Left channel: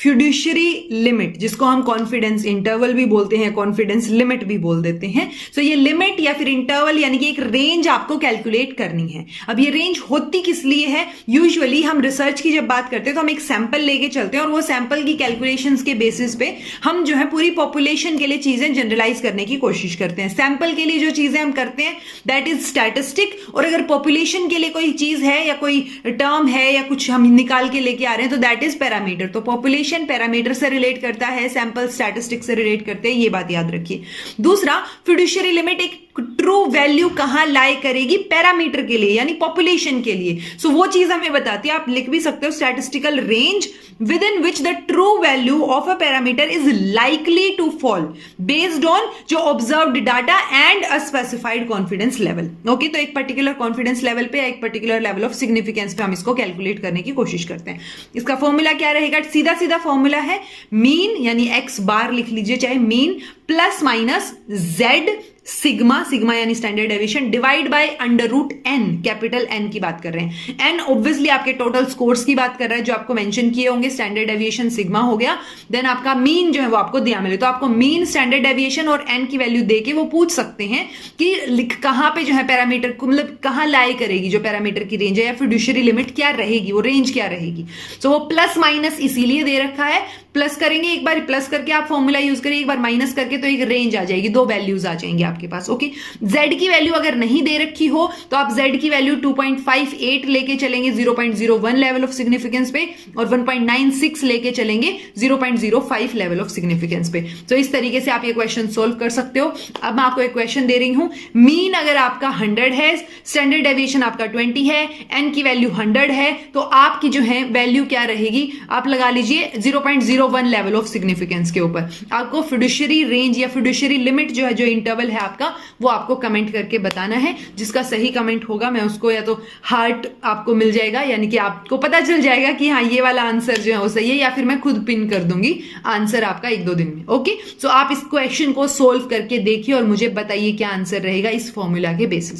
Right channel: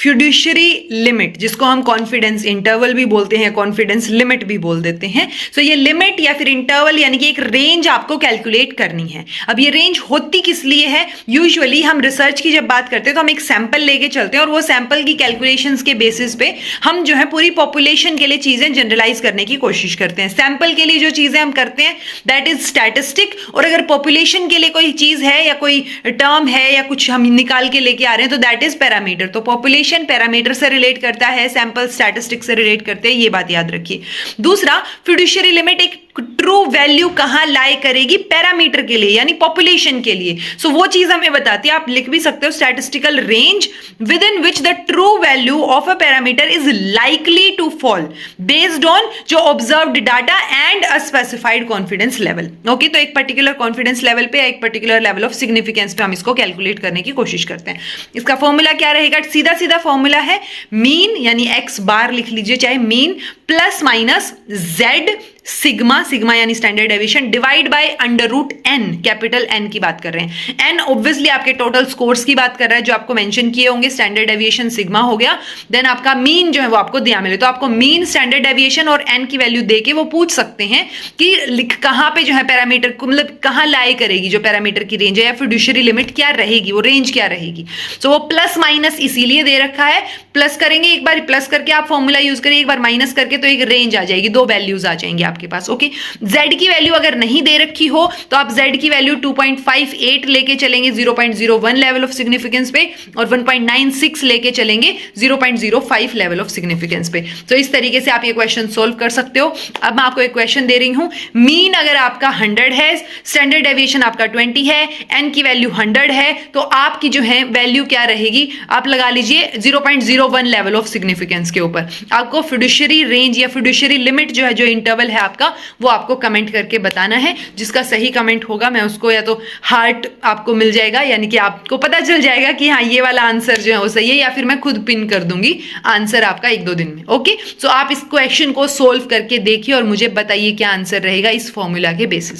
Fiduciary limit, जिसको हम confidence interval भी बोलते हैं, कॉन्फिडेंस लिमिट भी बोल देते हैं। सो ये लिमिट या फिर इंटरवल यानी कि एक रेंज आपको कैलकुलेट करनी है। अब ये रेंज होती किस लिए है? यूजुअली हम रिसर्च की जब बात करते हैं तो हम एक सैंपल लेके चलते हैं और वो सैंपल की कैलकुलेशंस के बेसिस पे हम जो है पूरी पॉपुलेशन के लिए चीजें जनरलाइज करने की कोशिश करते हैं। सैंपल के लिए जो चीजें हम करते हैं दैट इज स्टैटिस्टिक, और अगर पॉपुलेशन के लिए कोई चीज है या कोई टर्म है या कुछ हम निकाल के लेके आ रहे हैं तो दैट इज पैरामीटर। तो पॉपुलेशन पैरामीटर से रिलेट करता है, सैंपल स्टैटिस्टिक से रिलेट करते हैं, ये बात याद रखिए। दूसरा, फिड्यूशियरी लिमिट एक ट्रू वैल्यू कहां लाई करेगी? पैरामीटर के लिए यानी पॉपुलेशन के लिए। सो वो चीज हमें बताती है, आप लिख भी सकते हो statistical range within which the true value of a parameter is likely to fall based on जो observed data and a specified confidence level. Okay, तो एक पर्टिकुलर कॉन्फिडेंस लेवल पे, एक पर्टिकुलर लेवल ऑफ सिग्निफिकेंस पे हम इसको calculate करने की कोशिश करते हैं। इसका फॉर्मूला क्या रहेगा? सीधा सीधा फॉर्मूला है मीन यानी एक्स बार लिख लीजिए, चाहे mean plus minus z sigma, sigma यानी standard deviation, divide by under root n, capital n की बात कर रहे हैं। एन ऑब्वियसली आपके टोटल स्कोर्स की बात कर रहा है जो आपको मेंशन किए होंगे, स्टैंडर्ड डेविएशन सिग्मा हो गया, देन आपका मीन जो है वो आपको दिया मिले, तो आपको मीन, स्टैंडर्ड डेविएशन और एन की वैल्यू देके वो पूछ सकते हैं कि कहां पे जो है पैरामीटर को, मतलब कहां लाई करेगी जो पैरामीटर की रेंज है या फिड्यूशियरी लिमिट क्या रहेगी, वो रेंज क्या रहेगी। सो वो प्लस माइनस इसीलिए दे रखा है, प्लस करेंगे एक बार, प्लस करके आप फॉर्मूला यूज करें, एक बार माइनस करके तो एक रेंज आ जाएगी, दो वैल्यूज आ जाएंगे आपके पास। ओके, z की वैल्यू अगर नहीं दे रखी हो तो आप z की वैल्यू 2.58 लेके चलेंगे 0.01 लेवल ऑफ सिग्निफिकेंस पे, और 1.96 लेके चलेंगे 0.05 लेवल ऑफ सिग्निफिकेंस पे। तो इस तरीके से आप ये क्वेश्चन सोल्व कर सकते हो। अब मैं आपको एक क्वेश्चन दे रही हूं, मीन अगर आपका 100 है, स्टैंडर्ड डेविएशन आपका 20 है, n की वैल्यू 100 है, तो आपकी जो है वैल्यू क्या रहेगी? आप लगा लीजिए 0.01 लेवल ऑफ सिग्निफिकेंस के ऊपर। आपको फिड्यूशियरी रेंज या फिड्यूशियरी लिमिट जो है, जो इंटरवल है आपका, वो आपको कमेंट करके बताना है। जिसका सही कमेंट होगा मैं उसको या तो हार्ट आपको मिल जाएगा, यानी कि आपको पता चल जाएगा कि हाँ ये वाला आंसर जो है वो सही है, या फिर मैं खुद पिन कर दूंगी आंसर आपका 1-2 दिन में। ओके, सो आप इस क्वेश्चन को सोल्व करके देखिए और मुझे बताइए क्या आंसर रहेगा इस फॉर्मूला के बेसिस।